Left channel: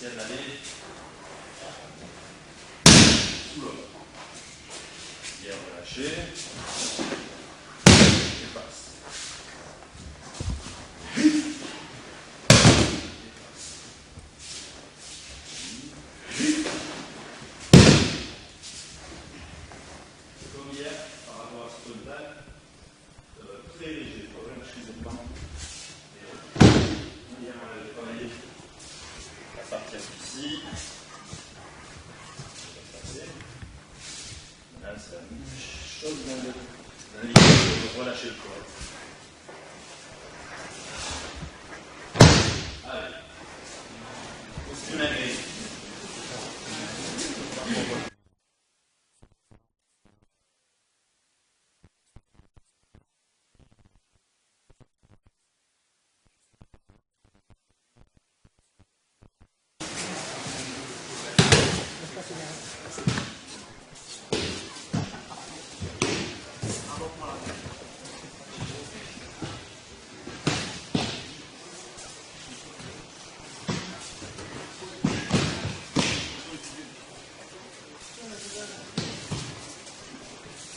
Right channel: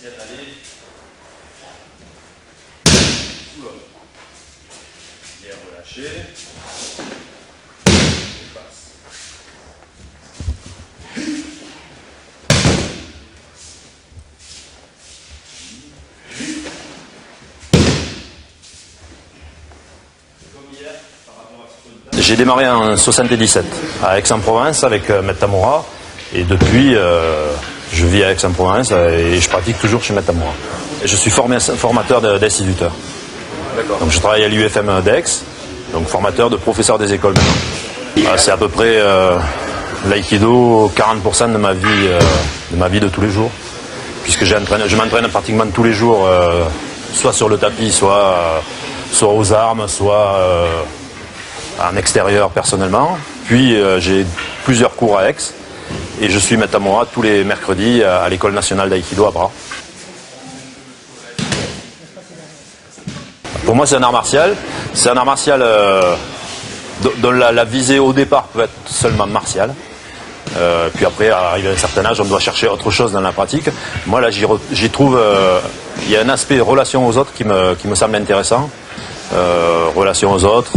essayer d'aller sous l'autre. Bien relâché. Et passe. J'ai démarré en 77 à Aix-en-Provence avec Maître Tamura et depuis je vis à Aix-en-Provence et je pratique toujours chez Maître Tamura. Je suis formateur d'instituteurs. Donc je travaille à l'UFM d'Aix, donc formateur de professeur des écoles. C'est à peu près l'aïkido 40% de ma vie de tous les jours, puisque je m'entraîne pratiquement tous les jours, soit sur le tapis, soit aux armes, soit en extérieur personnellement. Puis j'ai plusieurs cours à Aix et je suis Maître Tamura tous les mercredis à l'École nationale d'aïkido à Bras. Pour moi c'est un art martial. C'est un art martial dont la visée au départ peut être seulement martiale. Puis après, arrivé à un certain âge, on doit chercher autre chose dans la pratique. Moi là j'y trouve, il y a un aspect relation aux autres qui me semble intéressant. Relation aux autres,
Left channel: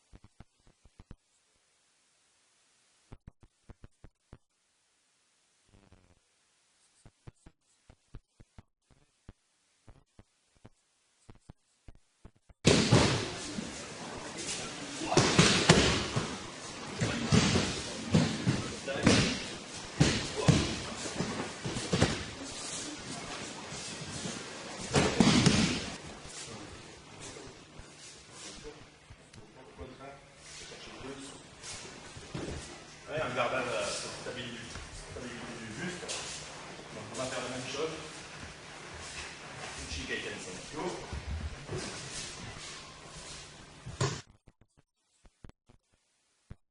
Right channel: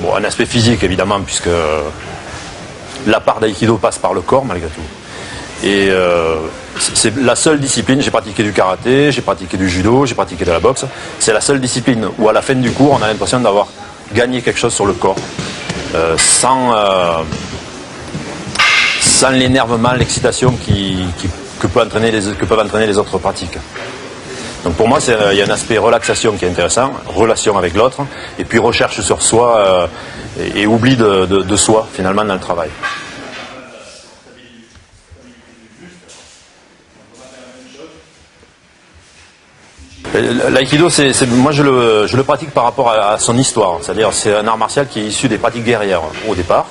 bon, un aspect physique évidemment, puisque la part d'aïkido passe par le corps malgré tout. Et c'est la seule discipline, j'ai pratiqué du karaté, j'ai pratiqué du judo, j'ai pratiqué de la boxe, c'est la seule discipline où à la fin du cours on a l'impression d'avoir gagné quelque chose sur le corps, sans l'énervement, l'excitation que peuvent entraîner les autres pratiques. Donc pour moi, il y a un aspect relaxation qui est intéressant, relation avec l'autre, et puis recherche sur soi et oubli de soi finalement dans le travail. L'aïkido, moi je le pratique par rapport à son histoire, c'est-à-dire c'est un art martial qui est issu des pratiques guerrières au départ.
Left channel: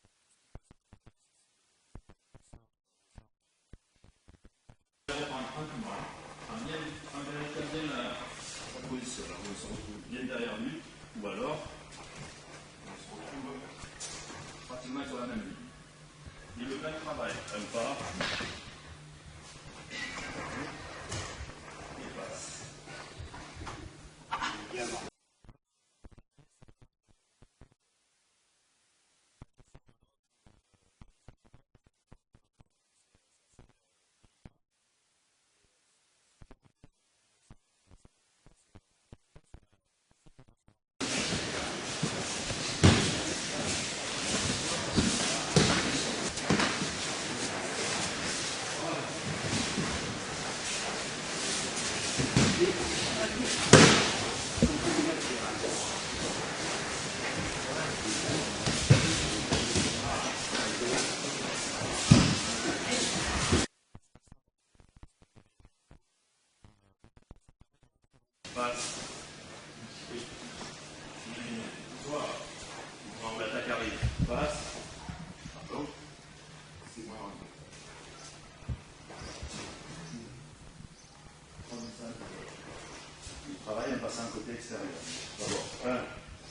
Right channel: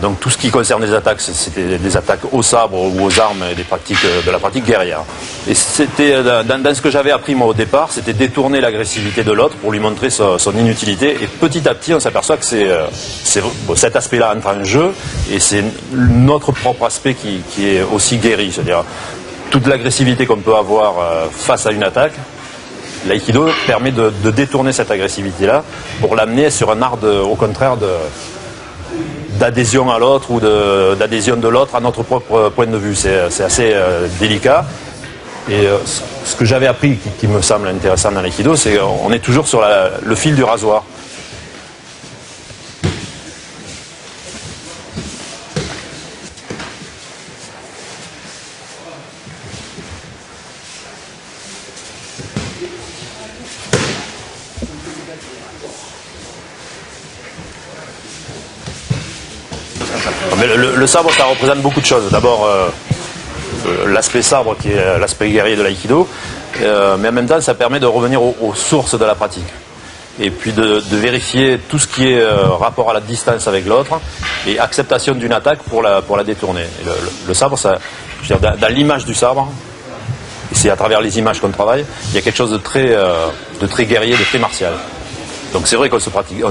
Donc tout ce qui concerne les attaques, c'était des attaques au sabre ou aux armes et de la pratique guerrière. Et c'était dans ce que j'avais appris moi au départ, c'était détourner l'agressivité de l'autre pour lui montrer son inutilité. Et petit à petit, on s'aperçoit que cet aspect-là entre en jeu et c'est notre propre aspect qui est aussi guéri. C'est-à-dire toute l'agressivité qu'on peut avoir face à une attaque, l'aïkido permet de détourner cette agressivité-là pour l'amener sur un art au contraire d'adhésion à l'autre ou d'adhésion de l'autre à notre propre point de vue. C'est assez délicat. Et ce que j'avais appris qui me semble intéressant dans l'aïkido, c'est qu'on est toujours sur le fil du rasoir. Mais le sabre, ça représente beaucoup de choses. D'abord, l'aspect sabre, qui est l'aspect guerrier de l'aïkido, mais en même temps, ça permet de revenir aux sources de la pratique. Et puis de vérifier tout ce qui est rapport à la distance avec l'autre et acceptation d'une attaque pour la détourner. Et le sabre, je veux dire, dans l'image du sabre, et c'est à travers les images qu'on travaille, il y a quelque chose de très guerrier, de très martial. Donc c'est vrai qu'on se pratique,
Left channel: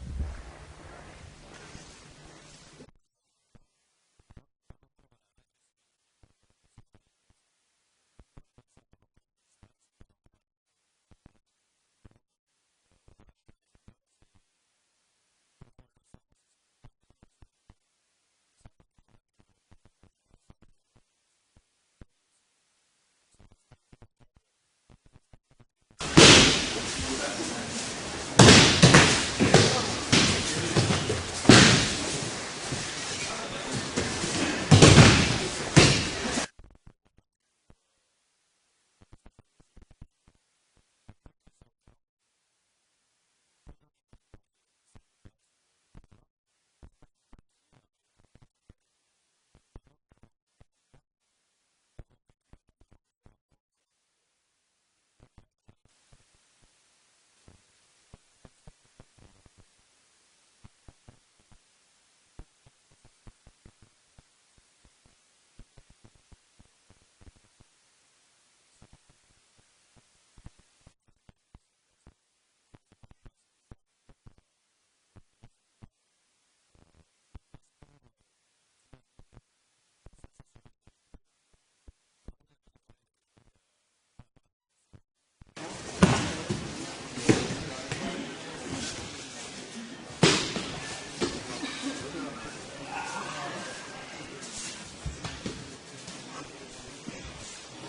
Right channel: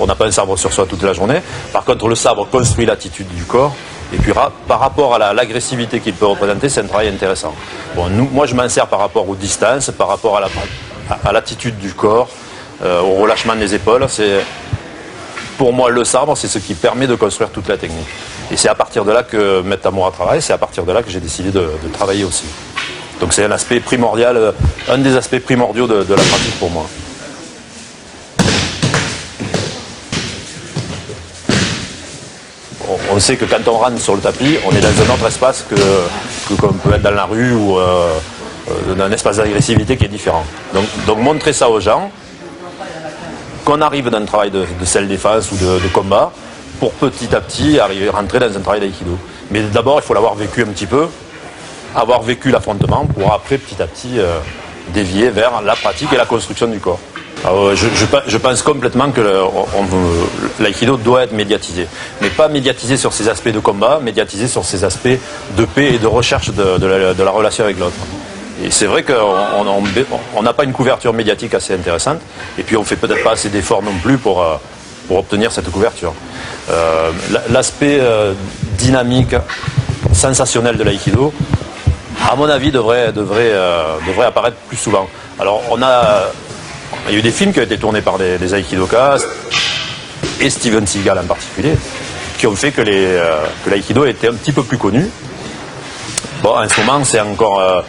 on n'a pas un sabre sur soi toute la journée. Par contre, le sabre construit l'attitude du corps. Et puis par rapport à l'agressivité qu'il peut représenter, c'est un travail intéressant. Bon, moi, je m'en sers par rapport aux distances, par rapport à l'attitude du corps, au relâchement des épaules. Pour moi, le sabre, c'est ce qui permet de construire toute la technique. Et c'est à partir de là que Maître Tamura travaille, c'est à partir de là que j'ai décidé de travailler aussi. Donc c'est un aspect primordial, un des aspects primordiaux de la pratique pour moi. On sait que quand on rentre sur le tapis, on est dans un autre espace qu'on peut être dans la rue ou dans un espace d'agressivité qui est différent. Donc montrer ça aux gens, qu'on arrive dans un travail de self-défense ou de combat, pour petit à petit rentrer dans un travail d'aïkido. Mais d'abord, il faut l'avoir vécu un petit peu, avoir vécu l'affrontement, pour après petit à petit dévier vers la pratique et la construction du corps. Alors, je pense complètement que l'aïkido doit être médiatisé. Mais pas médiatisé sur ses aspects de combat, médiatisé sur ses aspects de paix et de recherche de la relation avec l'autre. Et c'est vrai qu'on n'a pas une couverture médiatique assez intéressante, et puis on ne fait peut-être pas assez d'efforts non plus pour obtenir cette couverture. L'aspect dynamique, sensationnel de l'aïkido, à mon avis, devrait apparaître plus souvent. Alors, il y a eu des films qui ont été tournés par des aikidokas, et Steven Seagal en particulier, qui ont fait que l'aïkido était un petit peu plus connu. Bon, en ce moment, c'est encore,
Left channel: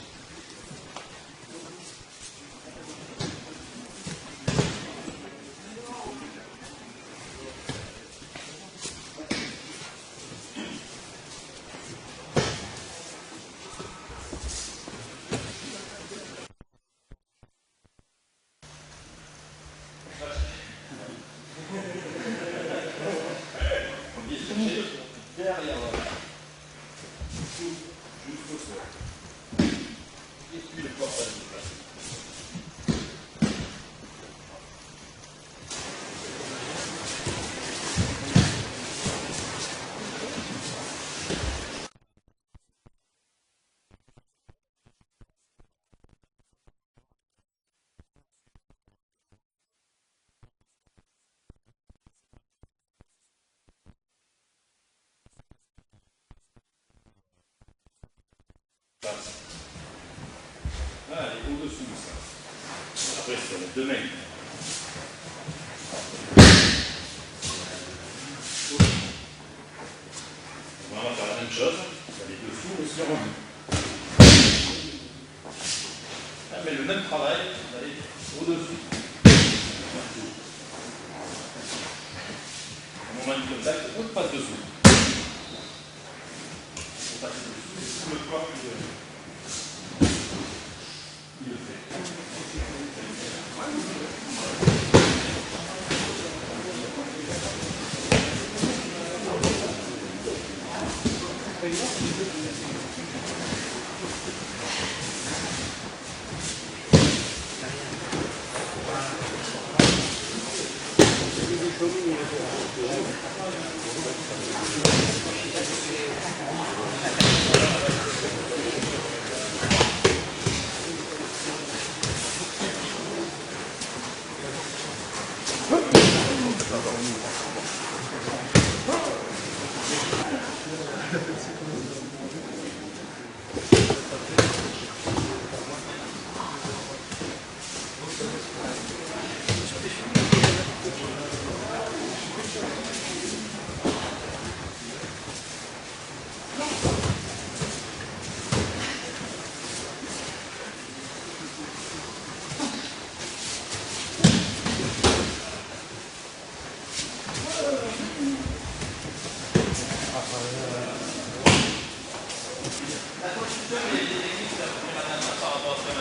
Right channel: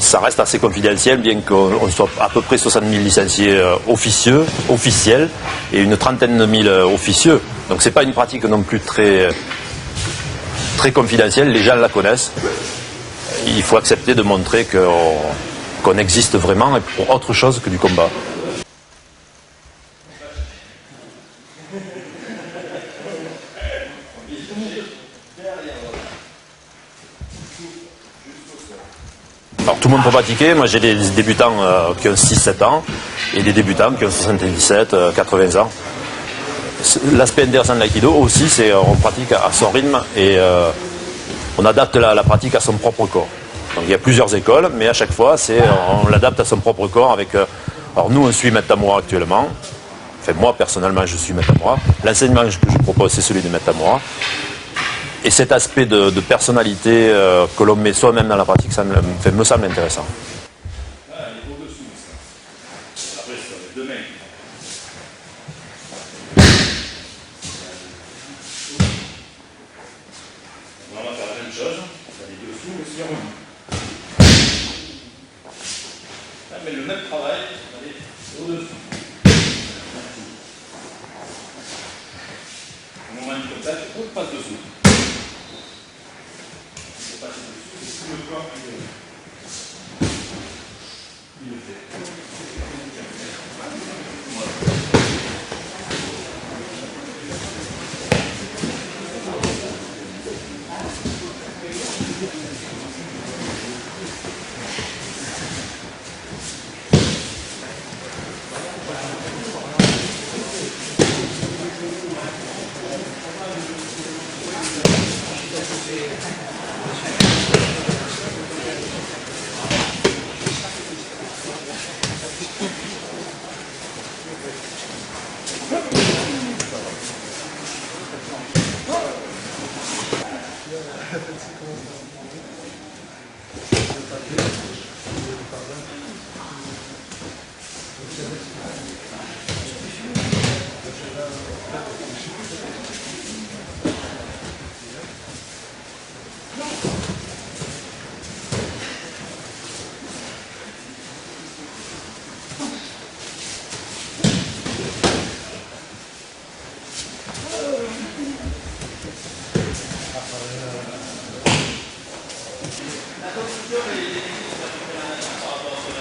ça reste assez confidentiel, bien qu'on soit à peu près 60 000 licenciés officiels, et une trentaine de mille officieux. Donc, c'est pas une pratique non plus très confidentielle. Les gens la connaissent. Il faut accepter de montrer qu'on existe vraiment et pour autre chose que du combat. Alors tout le monde peut pratiquer. Moi j'ai des débutants qui ont 6-7 ans et des débutants qui ont 77, 80 ans. L'aspect intéressant de l'aïkido aussi, c'est on pratique à son rythme et on adapte la pratique à son propre corps. Donc il y a plusieurs écoles, mais à chaque fois, on l'adapte à son propre corps avec... alors nous, on suit Maître Tamura actuellement. Enfin, moi, personnellement, je suis Maître Tamura. L'enseignement que je propose, c'est celui de Maître Tamura. Et cet aspect de personnalité que l'on met soi-même dans la pratique, ça me semble intéressant. Là, elle est au-dessous de ça. Après, c'est les deux mains. On va faire la même chose. Vous allez dessous, mais aussi remis. Mais le même travail, vous allez au-dessus. Au moment du contact, on passe dessous. Pour passer dessous, c'est tout le corps qui le fait. La construction et les techniques, c'est à peu près la même par rapport à ce qu'on